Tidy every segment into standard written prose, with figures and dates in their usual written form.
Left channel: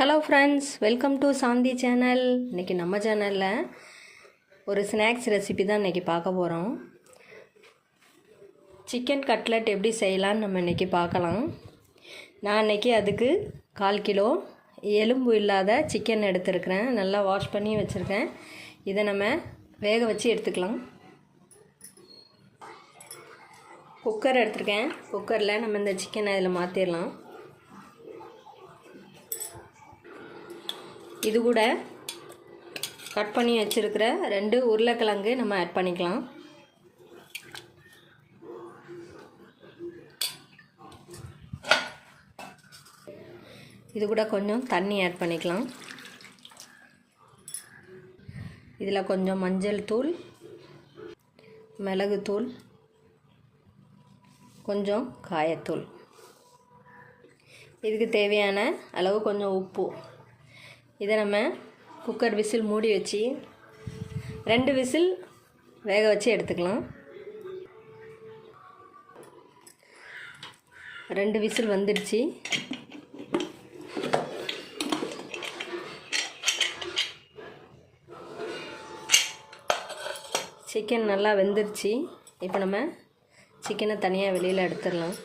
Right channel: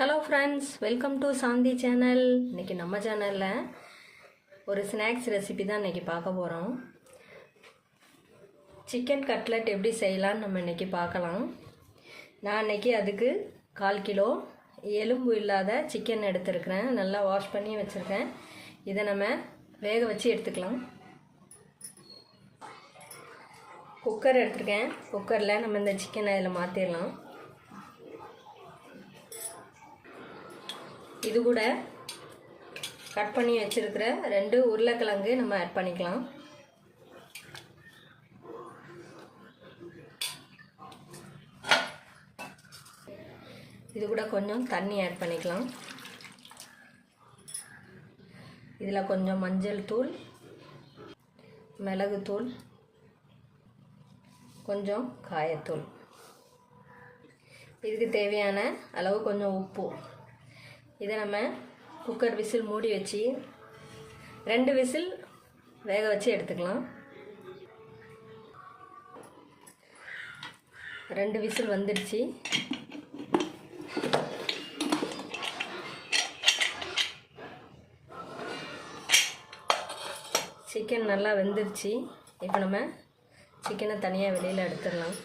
Hello friends, welcome to Shanti channel. இன்றைக்கி நம்ம சேனலில் ஒரு ஸ்நாக்ஸ் ரெசிபி தான் இன்றைக்கி பார்க்க போகிறோம். சிக்கன் கட்லெட் எப்படி செய்யலான்னு நம்ம இன்றைக்கி பார்க்கலாம். நான் இன்றைக்கி அதுக்கு 1/4 கிலோ எலும்பு இல்லாத சிக்கன் எடுத்துருக்கிறேன். நல்லா வாஷ் பண்ணி வச்சுருக்கேன். இதை நம்ம வேக வச்சு எடுத்துக்கலாம். குக்கர் எடுத்துருக்கேன். குக்கரில் நம்ம இந்த சிக்கனை இதில் மாற்றிடலாம். இது கூட கட் பண்ணி வச்சுருக்கிற 2 உருளைக்கிழங்கு நம்ம ஆட் பண்ணிக்கலாம். இது கூட கொஞ்சம் தண்ணி ஆட் பண்ணிக்கலாம். இதில் கொஞ்சம் மஞ்சள் தூள், மிளகுத்தூள், கொஞ்சம் காயத்தூள், இதுக்கு தேவையான அளவு கொஞ்சம் உப்பு. இதை நம்ம குக்கர் விசில் மூடி வச்சு 2 விசில் வேக வச்சு எடுத்துக்கலாம். 2 விசில் வந்துடுச்சு. சிக்கன் நல்லா வெந்துருச்சு. இப்போ நம்ம சிக்கனை தனியாக வெளியில் எடுத்துடலாம்.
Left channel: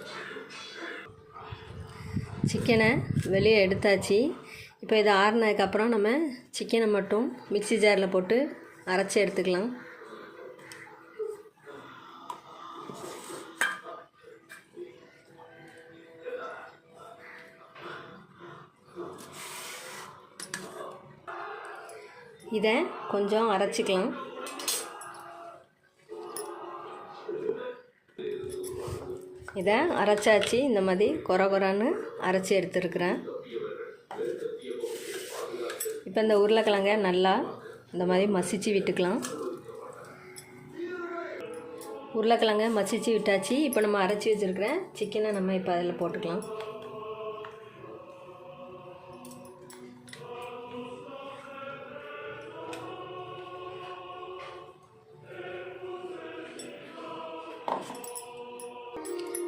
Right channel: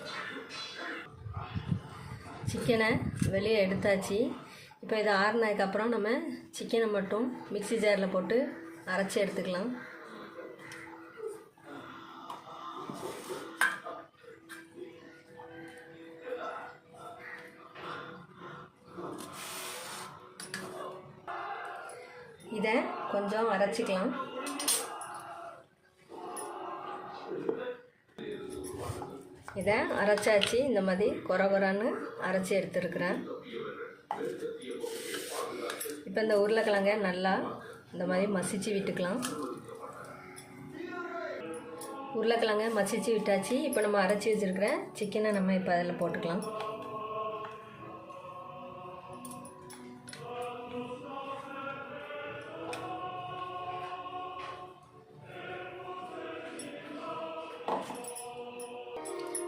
சிக்கனை வெளியே எடுத்தாச்சு. இப்போ இதை ஆறுனதுக்கப்புறம் நம்ம சிக்கனை மட்டும் மிக்ஸி ஜாரில் போட்டு அரைச்சி எடுத்துக்கலாம். இதை கொஞ்சம் அரைச்சிக்கலாம். இதை அரைச்சாச்சு. இந்த மாதிரி கொரன்னு அரைச்சி எடுத்துருக்குறேன். இப்போ இந்த உருளைக்கிழங்க நல்லா இந்த மாதிரி மசிச்சு விட்டுக்கலாம். உருளைக்கிழங்க மசிச்சு விட்டாச்சு. இப்போ நம்ம அரைச்சி வச்சுருக்கிற சிக்கனை நம்ம இப்போ அதில் போட்டுக்கலாம்.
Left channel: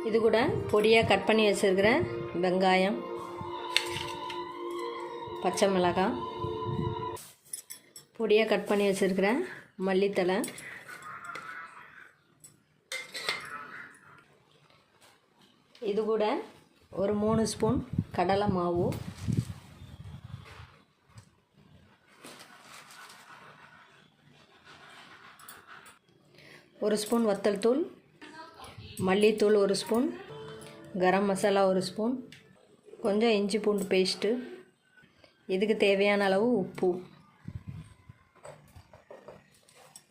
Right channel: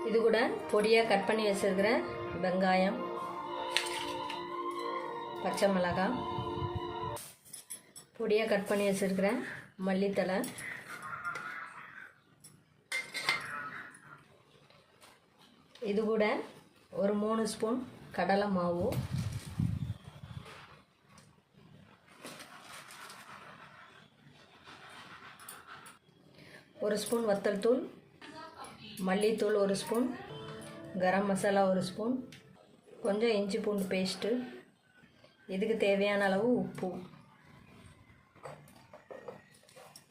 இது கூட பொடியாக கட் பண்ணி வச்சுருக்கிற வெங்காயம், பச்சை மிளகாய், பொடியாக கட் பண்ணி வச்சுருக்கிற மல்லித்தழை, இது கூட ஒரு 3 ஸ்பூன் கடலை மாவு, ஒரு ஸ்பூன் வத்தல் தூள், மல்லித்தூள் 1 ஸ்பூன், கரம் மசாலா 1 ஸ்பூன், கொஞ்சம் இஞ்சி பூண்டு பேஸ்ட்டு, இதுக்கு தேவையான அளவு உப்பு.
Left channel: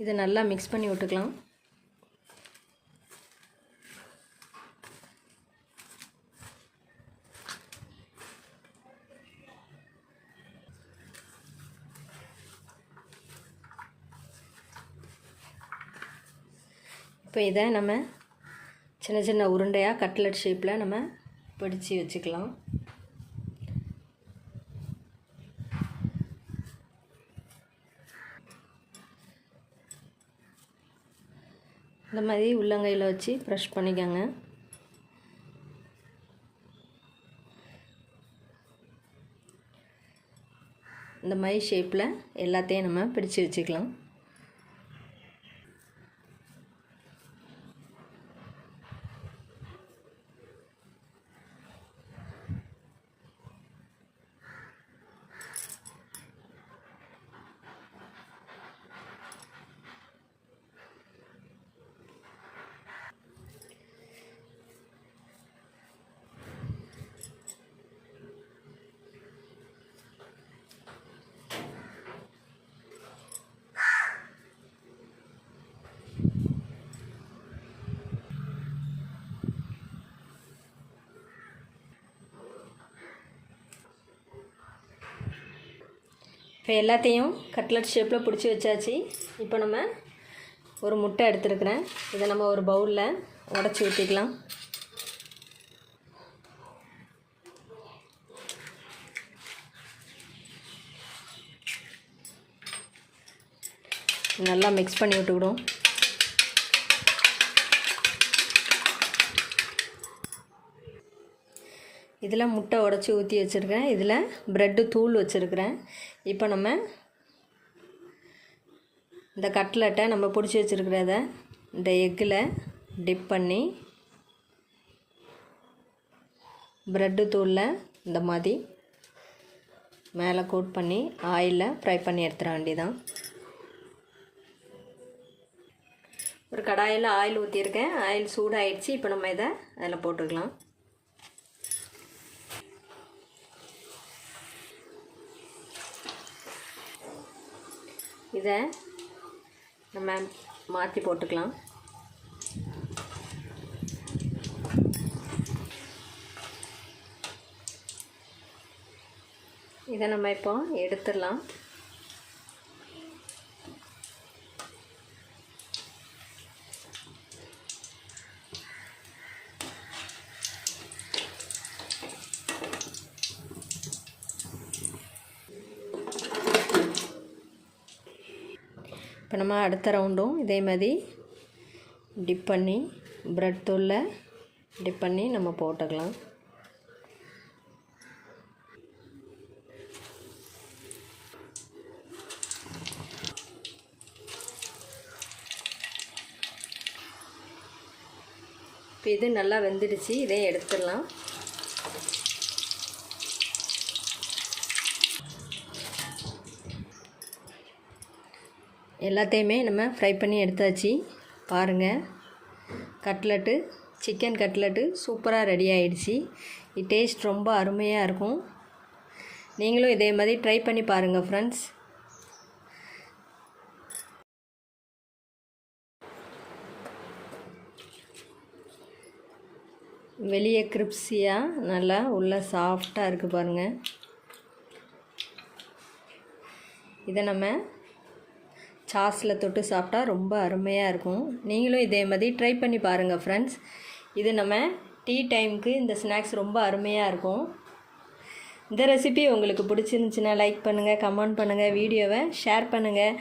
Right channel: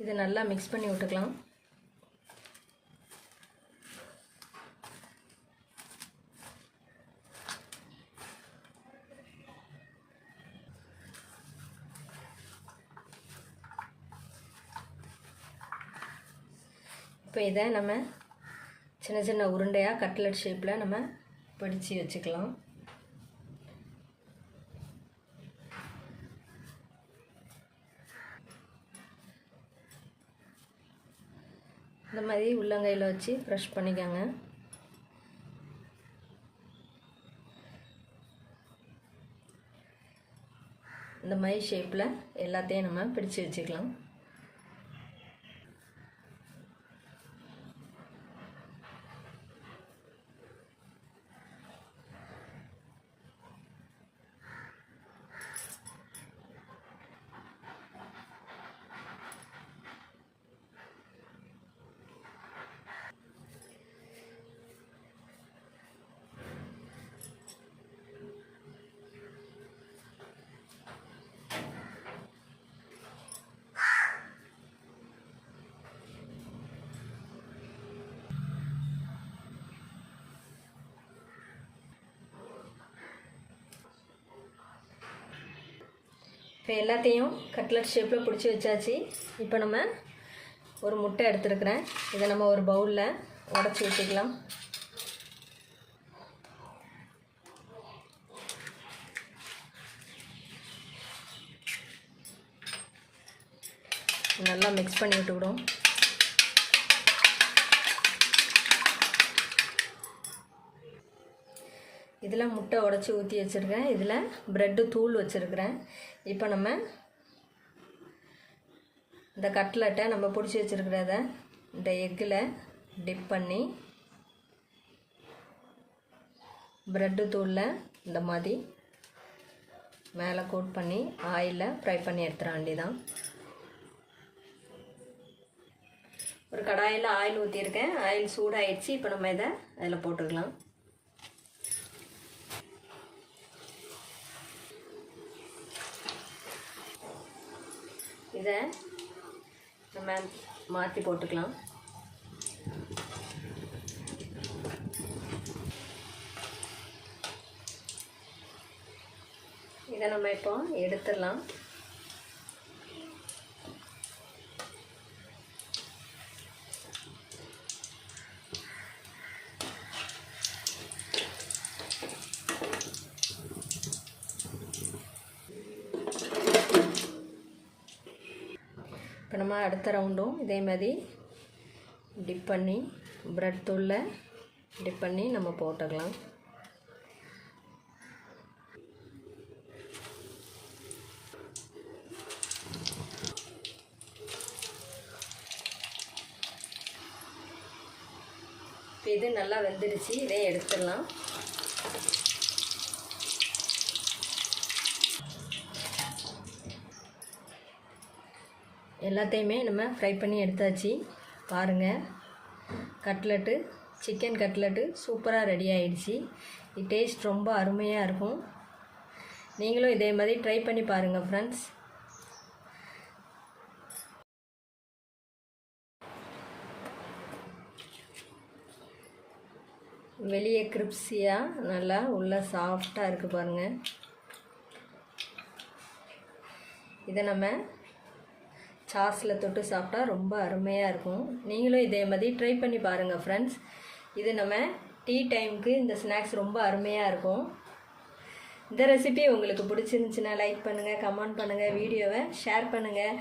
இதை நல்லா மிக்ஸ் பண்ணி விட்டுக்கலாம். இப்போ இதை நம்ம சின்ன சின்ன உருண்டையாக கட்லெட் ஷேப்பில் நம்ம பிடிச்சி வச்சுக்கலாம். இந்த மாதிரி உள்ளங்கையில் வச்சு ப்ரெஷ் பண்ணிக்கோங்க. இந்த மாதிரி ஷேப்பில் எல்லாத்தையும் நம்ம பிடிச்சி வச்சுக்கலாம். இப்போ எல்லாத்தையும் கட்லெட் ஷேப்பில் பிடிச்சி வச்சாச்சு. இப்போ நம்ம ஒரு முட்டை எடுத்துருக்குறேன். இதை நம்ம ஒரு பவுலில் உடச்சி ஊற்றிக்கலாம். நல்லா மிக்ஸ் பண்ணி விட்டுவிடும். இதில் முட்டை உடச்சி ஊற்றி வச்சுருக்கேன். இதில் ப்ரெட்டு தூள் வச்சுருக்கிறேன். இப்போ நம்ம இந்த கட்லெட்டை நம்ம பிடிச்சி வச்சுருக்கிறத இந்த எக்கில் டிப் பண்ணி ப்ரெட்டு தூளில் இந்த மாதிரி மேலே கோட் பண்ணி ஆயிலில் ஃப்ரை பண்ணி எடுத்துட வேண்டியதான். ஒரு கடாயில் ஆயில் ஊற்றியிருக்கேன். ஆயில் சூடாகிடுச்சு. இப்போ நம்ம இதை அதில் போட்டுக்கலாம். இதை நம்ம மாற்றி போட்டுக்கலாம். இதை நம்ம இப்போ எடுத்துடலாம். இப்போ நம்ம அடுத்த ரவுண்டும் இதே மாதிரி டிப் பண்ணி ப்ரெட் தூளில் டிப் பண்ணி நம்ம போட்டுக்கலாம். இப்போ இது நல்லா வெந்துடுச்சு. இதை எடுத்துடலாம். எல்லாத்தையுமே நம்ம ஃப்ரை பண்ணி எடுத்தாச்சு. பாருங்கள், கட்லெட்டு சிக்கன் கட்லெட்டு சூப்பராக ரெடி ஆகிடுச்சு. இது டேஸ்ட் ரொம்ப அருமையாக இருக்கும். நீங்களும் இதே மாதிரி ட்ரை பண்ணி பாருங்கள் ஃப்ரெண்ட்ஸ். வெளியே கிரிப்ஸியாக நல்லா உள்ளே சாஃப்டாக இருக்குது பாருங்கள். இதை நம்ம சாஸில் தொட்டு சாப்பிட்டா ரொம்ப அருமையாக இருக்கும். நீங்களும் இதே மாதிரி ட்ரை பண்ணி பாருங்கள் ஃப்ரெண்ட்ஸ். இது நம்ம டீ டைமுக்கு இந்த ஸ்நாக்ஸ் ரொம்ப அருமையாக இருக்கும். இந்த ரெசிபி உங்களுக்கு பிடிச்சிருந்துச்சின்னா லைக் பண்ணுங்கள், கமெண்ட் பண்ணுங்கள், வீடியோவை ஷேர் பண்ணுங்கள்.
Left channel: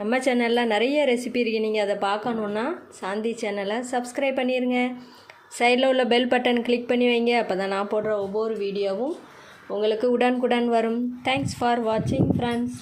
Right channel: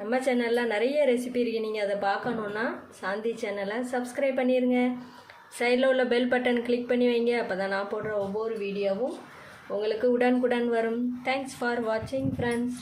நம்ம சேனலில் நிறைய ரெசிபி இருக்குது. நீங்கள் அதை பார்க்கணுன்னா சாந்தி சேனலை சப்ஸ்கிரைப் பண்ணிடுங்க. சைடில் உள்ள பெல் பட்டன் கிளிக் பண்ணி வைங்க. அப்போ தான் நான் போடுற ஒவ்வொரு வீடியோவும் உங்களுக்கு உடனுக்குடன் வரும். தேங்க்ஸ் ஃபார் வாட்சிங் ஃப்ரெண்ட்ஸ்.